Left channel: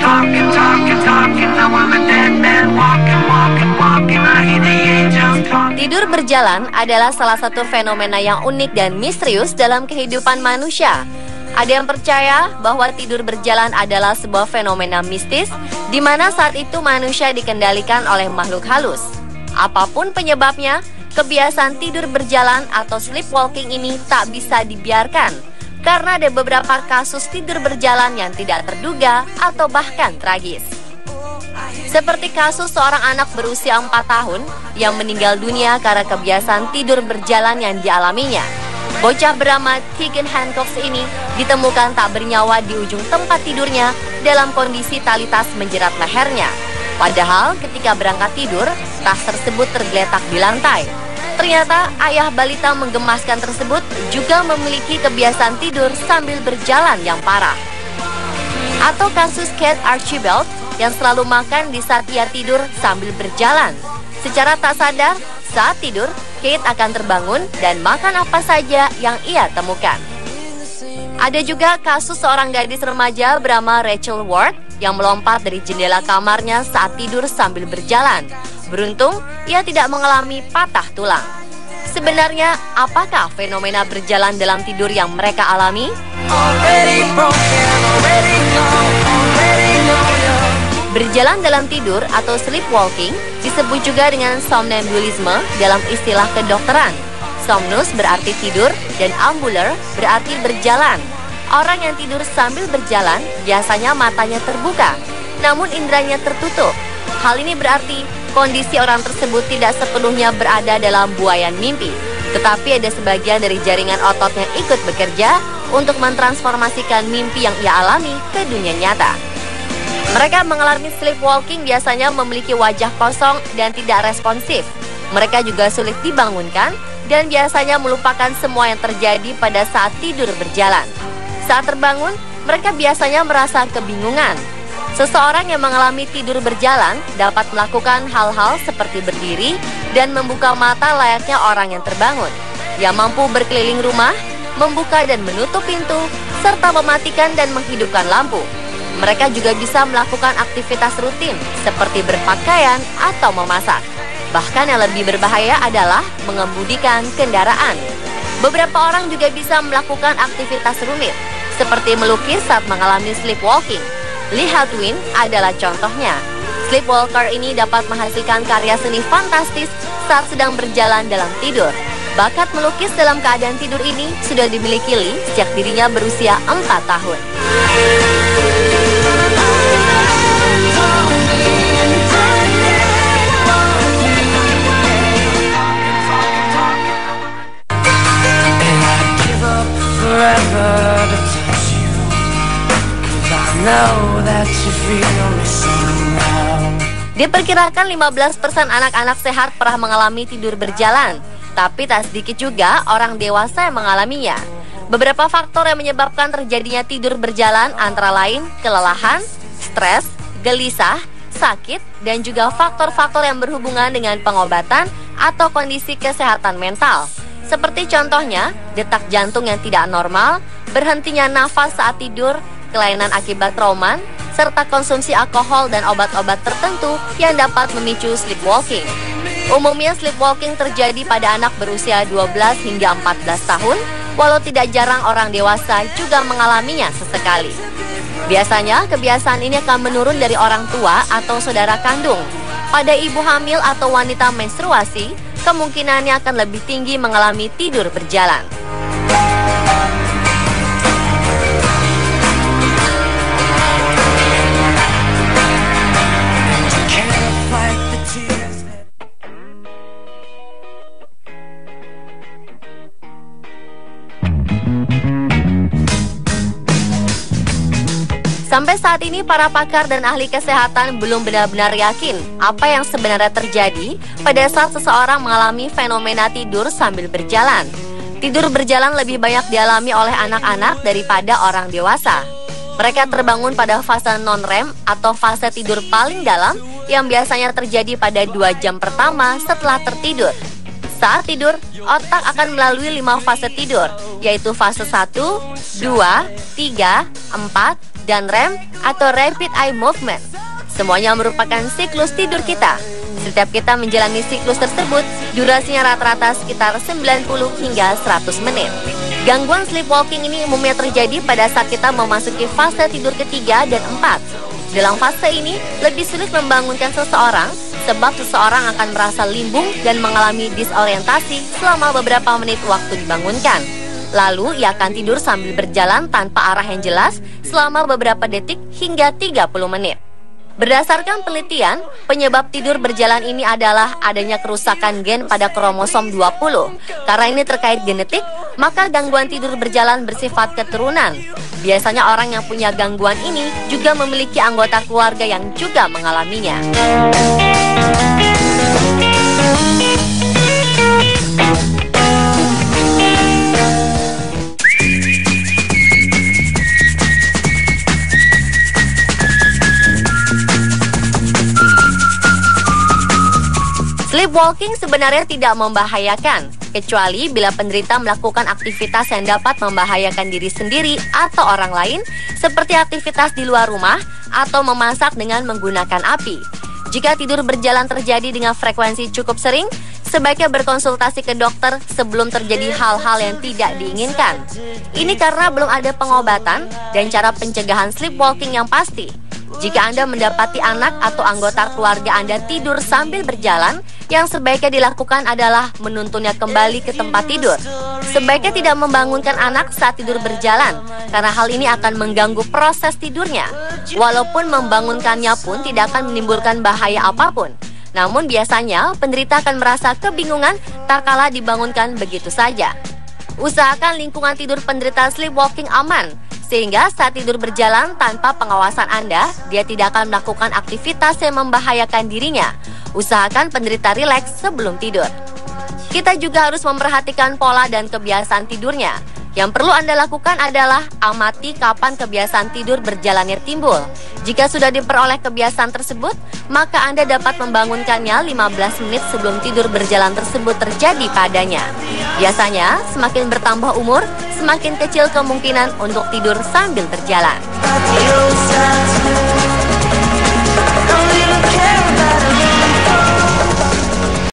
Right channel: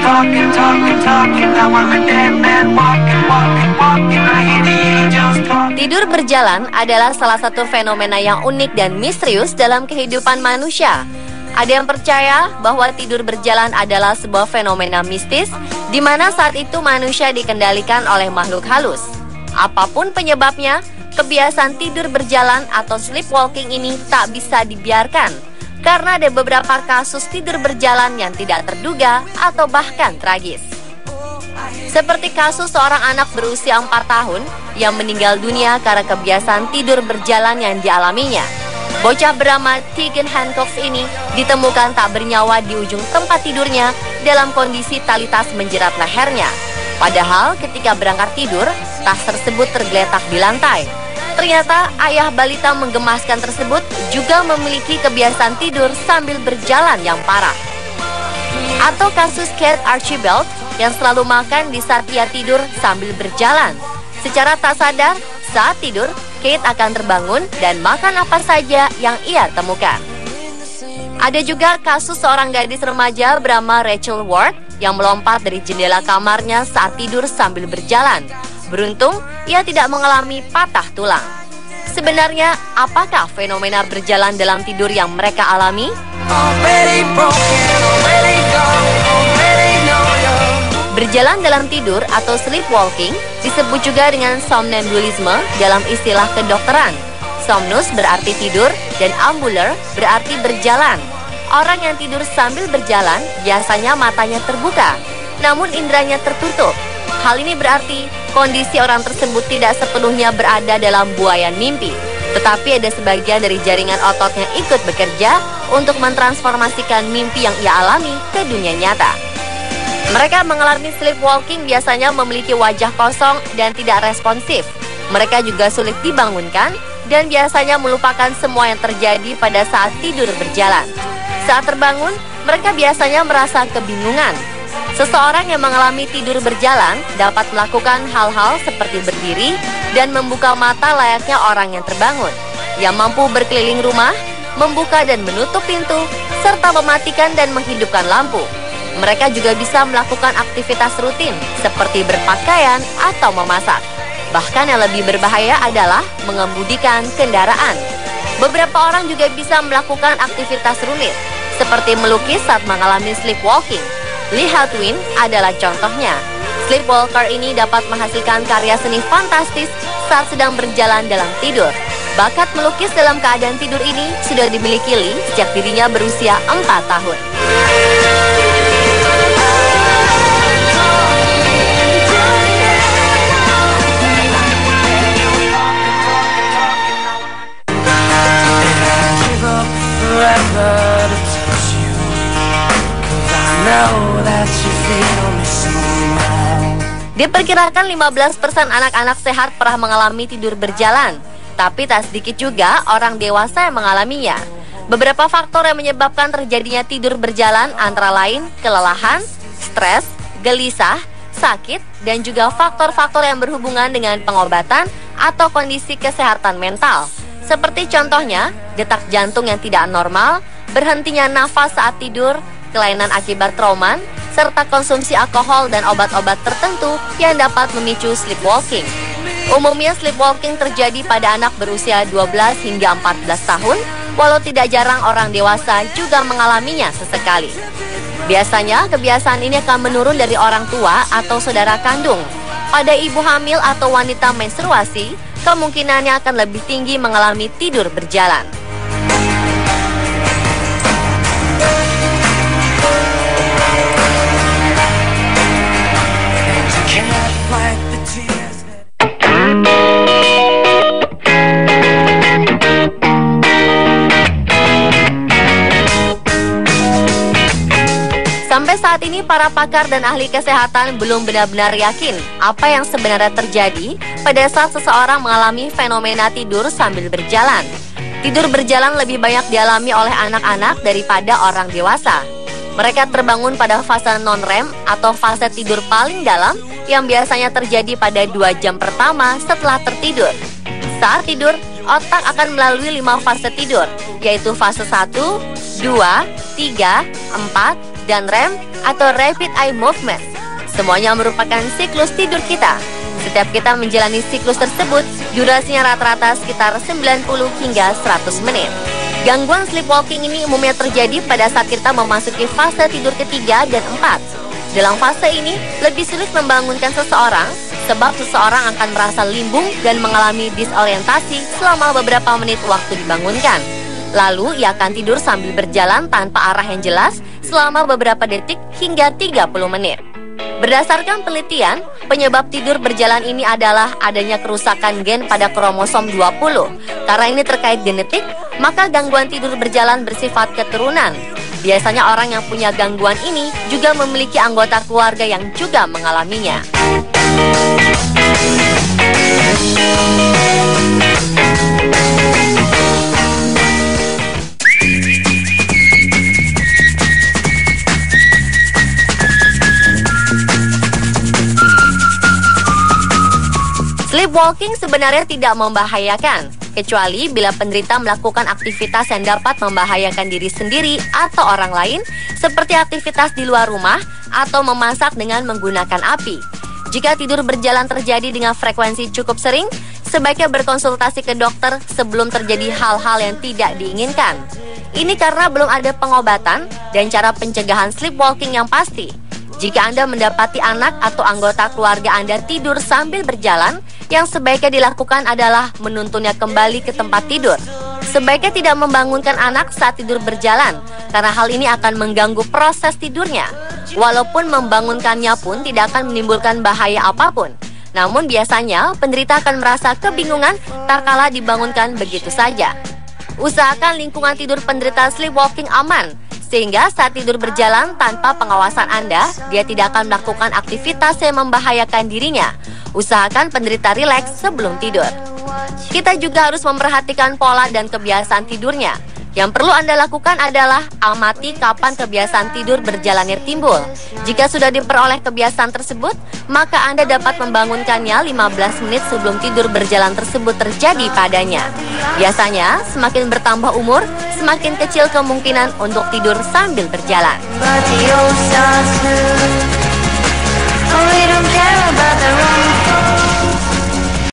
talking, talking, talking. Now I'm a dead man walking, walking, walking. I hear the angels talking. Tidur berjalan adalah salah satu fenomena yang unik dan misterius dalam kehidupan manusia. Ada yang percaya bahwa tidur berjalan adalah sebuah fenomena mistis di mana saat itu manusia dikendalikan oleh makhluk halus. Apapun penyebabnya, kebiasaan tidur berjalan atau sleepwalking ini tak bisa dibiarkan karena ada beberapa kasus tidur berjalan yang tidak terduga atau bahkan tragis. Seperti kasus seorang anak berusia 4 tahun yang meninggal dunia karena kebiasaan tidur berjalan yang dialaminya. Bocah bernama Tegan Hancock ini ditemukan tak bernyawa di ujung tempat tidurnya dalam kondisi tali tas menjerat lehernya. Padahal ketika berangkat tidur, tas tersebut tergeletak di lantai. Ternyata ayah balita menggemaskan tersebut juga memiliki kebiasaan tidur sambil berjalan yang parah. Atau kasus Kate Archibald yang selalu makan di saat dia tidur sambil berjalan. Secara tak sadar, saat tidur, Kate akan terbangun dan makan apa saja yang ia temukan. Ada juga kasus seorang gadis remaja bernama Rachel Ward yang melompat dari jendela kamarnya saat tidur sambil berjalan. Beruntung, ia tidak mengalami patah tulang. Sebenarnya, apakah fenomena berjalan dalam tidur yang mereka alami? Berjalan dalam tidur atau sleepwalking disebut juga dengan somnambulisme dalam istilah kedokteran. Somnus berarti tidur dan ambuler berarti berjalan. Orang yang tidur sambil berjalan biasanya matanya terbuka, namun inderanya tertutup. Hal ini berarti kondisi orang tersebut tidak sepenuhnya berada dalam buaian mimpi, tetapi ada sebagian dari jaringan ototnya ikut bekerja untuk mentransformasikan mimpi yang ia alami ke dunia nyata. Mereka mengalami sleepwalking biasanya memiliki wajah kosong dan tidak responsif. Mereka juga sulit dibangunkan dan biasanya melupakan semua yang terjadi pada saat tidur berjalan. Saat terbangun, mereka biasanya merasa kebingungan. Seseorang yang mengalami tidur berjalan dapat melakukan hal-hal seperti berdiri dan membuka mata layaknya orang yang terbangun. Ia mampu berkeliling rumah, membuka dan menutup pintu, serta mematikan dan menghidupkan lampu. Mereka juga bisa melakukan aktivitas rutin seperti berpakaian atau memasak. Bahkan yang lebih berbahaya adalah mengemudikan kendaraan. Beberapa orang juga bisa melakukan aktivitas rumit seperti melukis saat mengalami sleepwalking. Lee Hadwin adalah contohnya. Sleepwalker ini dapat menghasilkan karya seni fantastis saat sedang berjalan dalam tidur. Bakat melukis dalam keadaan tidur ini sudah dimiliki Lee sejak dirinya berusia 4 tahun. Diperkirakan 15% anak-anak sehat pernah mengalami tidur berjalan, tapi tak sedikit juga orang dewasa yang mengalaminya. Beberapa faktor yang menyebabkan terjadinya tidur berjalan antara lain kelelahan, stres, gelisah, sakit, dan juga faktor-faktor yang berhubungan dengan pengobatan atau kondisi kesehatan mental. Seperti contohnya, detak jantung yang tidak normal, berhentinya nafas saat tidur, kelainan akibat trauma, serta konsumsi alkohol dan obat-obat tertentu yang dapat memicu sleepwalking. Umumnya sleepwalking terjadi pada anak berusia 12 hingga 14 tahun, walau tidak jarang orang dewasa juga mengalaminya sesekali. Biasanya kebiasaan ini akan menurun dari orang tua atau saudara kandung. Pada ibu hamil atau wanita menstruasi, kemungkinannya akan lebih tinggi mengalami tidur berjalan. Sampai saat ini para pakar dan ahli kesehatan belum benar-benar yakin apa yang sebenarnya terjadi pada saat seseorang mengalami fenomena tidur sambil berjalan. Tidur berjalan lebih banyak dialami oleh anak-anak daripada orang dewasa. Mereka terbangun pada fase non-REM atau fase tidur paling dalam yang biasanya terjadi pada 2 jam pertama setelah tertidur. Saat tidur, otak akan melalui 5 fase tidur, yaitu fase 1, 2, 3, 4, dan REM atau Rapid Eye Movement. Semuanya merupakan siklus tidur kita. Setiap kita menjalani siklus tersebut, durasinya rata-rata sekitar 90 hingga 100 menit. Gangguan sleepwalking ini umumnya terjadi pada saat kita memasuki fase tidur ketiga dan 4. Dalam fase ini, lebih sulit membangunkan seseorang sebab seseorang akan merasa limbung dan mengalami disorientasi selama beberapa menit waktu dibangunkan. Lalu, ia akan tidur sambil berjalan tanpa arah yang jelas selama beberapa detik hingga 30 menit. Berdasarkan penelitian, penyebab tidur berjalan ini adalah adanya kerusakan gen pada kromosom 20. Karena ini terkait genetik, maka gangguan tidur berjalan bersifat keturunan. Biasanya orang yang punya gangguan ini juga memiliki anggota keluarga yang juga mengalaminya. Sleepwalking sebenarnya tidak membahayakan, kecuali bila penderita melakukan aktivitas yang dapat membahayakan diri sendiri atau orang lain, seperti aktivitas di luar rumah atau memasak dengan menggunakan api. Jika tidur berjalan terjadi dengan frekuensi cukup sering, sebaiknya berkonsultasi ke dokter sebelum terjadi hal-hal yang tidak diinginkan. Ini karena belum ada pengobatan dan cara pencegahan sleepwalking yang pasti. Jika Anda mendapati anak atau anggota keluarga Anda tidur sambil berjalan, yang sebaiknya dilakukan adalah menuntunnya kembali ke tempat tidur. Sebaiknya tidak membangunkan anak saat tidur berjalan, karena hal ini akan mengganggu proses tidurnya. Walaupun membangunkannya pun tidak akan menimbulkan bahaya apapun. Namun biasanya penderita akan merasa kebingungan tatkala dibangunkan begitu saja. Usahakan lingkungan tidur penderita sleepwalking aman, sehingga saat tidur berjalan tanpa pengawasan Anda, dia tidak akan melakukan aktivitas yang membahayakan dirinya. Usahakan penderita rileks sebelum tidur. Kita juga harus memperhatikan pola dan kebiasaan tidurnya. Yang perlu Anda lakukan adalah amati kapan kebiasaan tidur berjalannya timbul. Jika sudah diperoleh kebiasaan tersebut, maka Anda dapat membangunkannya 15 menit sebelum tidur berjalan tersebut terjadi padanya. Biasanya, semakin bertambah umur, semakin kecil kemungkinan untuk tidur sambil berjalan. Radio stars. I don't care about the